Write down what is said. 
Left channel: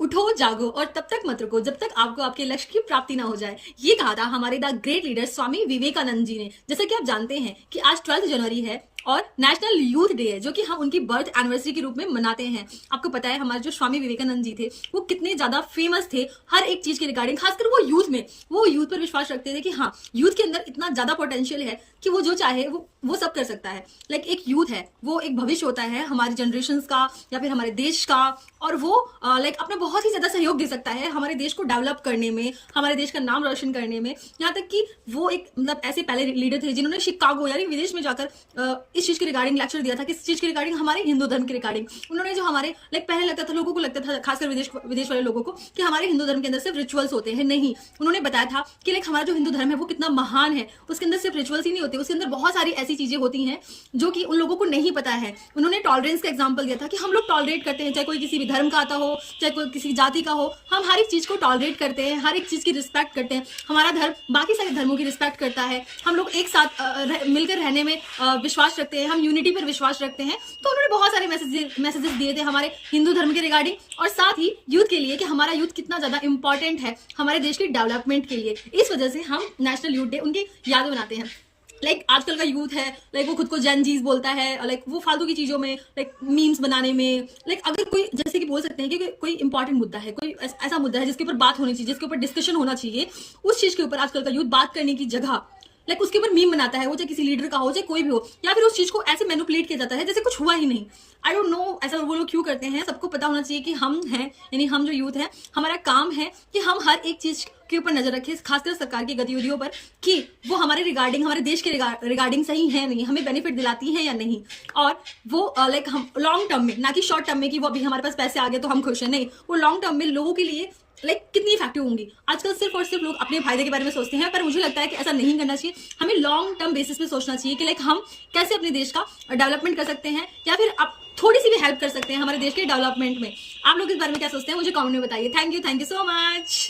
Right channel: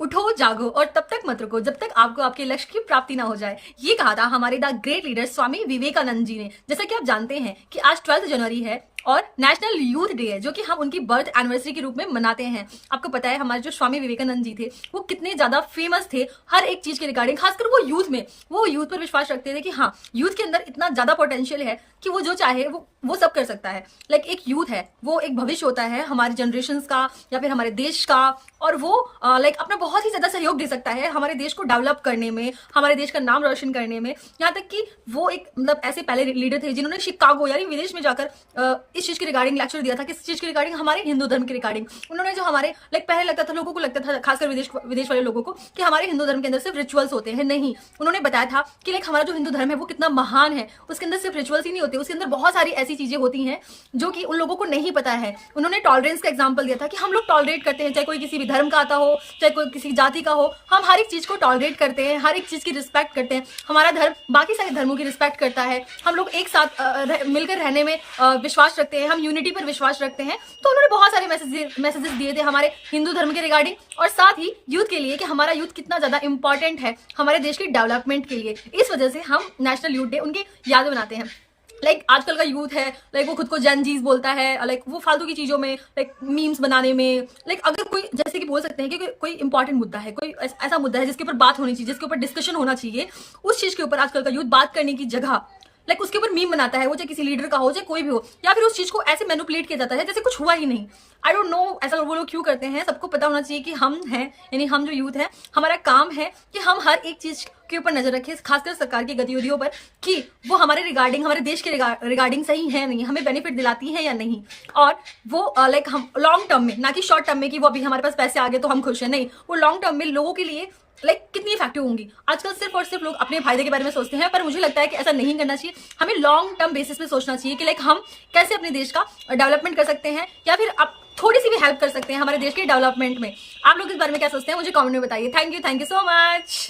उठो जागो और तब तक मत रुको जब तक आपको आपके लक्ष्य की प्राप्ति ना हो जाए। ये कहा था हमारे the great leader Swami Vivekananda ji ने। जैसा कि आप जानते हैं कि आज 12 जनवरी है और नेशनल यूथ डे है, जो कि हम उनकी बर्थ एनिवर्सरी के रूप में मनाते हैं। आपको पता है हमारे जो स्वामी विवेकानंद जी थे वो कितने ज्यादा फेमस थे हर एक चीज के रिगार्डिंग, खासकर वो यूथ पर विश्वास रखते थे कि हाँ, यूथ के अंदर इतना ज्यादा पोटेंशियल है कि वो जो चाहे वो सब कर सकता है। लाइक एक यूथ है, वो एक भविष्य होता है हमारी जनरेशन का या फिर हमारे देश का, और वो लाइक अपना बहुत ही ज्यादा सहयोग दे सकता है हमारे देश को डेवलप करने में, हमारे देश का नाम रोशन करने में। यहाँ तक कि वो एक मतलब ऐसे पहले लीडर थे जिन्होंने शिकागो यानी विदेश में जाकर इस चीज के रिगार्डिंग लेक्चर दिया था, किस चीज के रिगार्डिंग, हमारे हिंदू धर्म के रिगार्डिंग। उन्होंने जो हमारे लाइक पहले लगता था, लोगों को लगता था, खासकर विदेश वाले लोगों को, कि हमारे हिंदू धर्म के अंदर सिर्फ रिचुअल्स होते हैं। नहीं, उन्होंने बताया था कि लाइक हमारा जो हिंदू धर्म है वो कितना महान है, उसके अंदर सिर्फ रिचुअल्स ही नहीं होते, उसके अंदर बहुत सारी ऐसी चीजें होती हैं जो कि उन लोगों को नहीं पता है। उन्होंने टॉलरेंस का एग्जाम्पल दिया था कि हम लोग टॉलरेट करते हैं, चाहे कोई किसी भी धर्म का आता हो, चाहे कोई किसी जाति का हो, हम हर एक चीज को टॉलरेट करते हैं, हर एक चीज की रिस्पेक्ट करते हैं। हमारा धर्म बाकी सारे धर्मों की रिस्पेक्ट करता है, हम लोग एक साथ मिलकर रहने में विश्वास रखते हैं, हम यूनिटी पर विश्वास रखते हैं। तो उन्होंने बहुत सारे मैसेजेस दिए थे हमारे हिंदू धर्म के रिगार्डिंग, और साथ ही यूथ के लिए कि हमारा यूथ कितना ज्यादा इंपॉर्टेंट है हमारे देश की डेवलपमेंट के लिए। इस वजह से हम नेशनल यूथ डे उनकी याद बनाते हैं। लाइक आजकल का यूथ है, लाइक वो खुद को जेन जीज बोलता है, लाइक वो फालतू की चीजों में, लाइक मीम्स बनाने में, लाइक अगर कोई जैसे कि बोल सकते हैं कि कोई इंपॉर्टेंट मुद्दा है, कोई ऐसा मुद्दा है जिसके ऊपर बात होनी चाहिए, जिसके ऊपर डिस्कशन होना चाहिए, उस चीज के ऊपर आजकल का यूथ बात करने की जगह लाइक उसके ऊपर मीम बनाता है, वो चाहे किसी लीडर का हो, चाहे कोई भी हो, या फिर उस चीज को ऐसे मैनिपुलेट किया जाता है जैसे कुछ हुआ ही नहीं। आई डोंट नो ऐसा वो लोग क्यों करते हैं। सबको पता होना चाहिए कि हम हैं, यानी हम जो यूथ हैं, हमारा काम है कि हम हर एक चीज के ऊपर नजर रखें, खासकर सरकार की गतिविधियों पर, कि वो हमारे रिगार्डिंग, हमारे देश के रिगार्डिंग सही है नहीं, हमें बेनिफिट दिलाती है या नहीं, और वो लाइक हम लॉन्ग टर्म में, ना कि शॉर्ट टर्म में कि वो अभी हमारे पास पैसे आ गए तो हम खुश हैं, नहीं, वो लॉन्ग टर्म में लोगों के लिए लाइक कितनी इफेक्टिव होंगी। आजकल सिर्फ और सिर्फ लोग अपने फायदे के बारे में सोचते हैं, पर मुझे लगता है कि ऐसा नहीं करना चाहिए। हमें लॉन्ग टर्म बेसिस पे सोचना चाहिए कि लाइक हम कैसे अपने देश का डेवलपमेंट कर सकते हैं, या फिर आप थोड़ी सी भी हेल्प कर सकते हैं हमारे देश के डेवलपमेंट में। आप लोग इस बारे में क्या सोचते हैं मुझे कमेंट में बताइए। Thank you so much.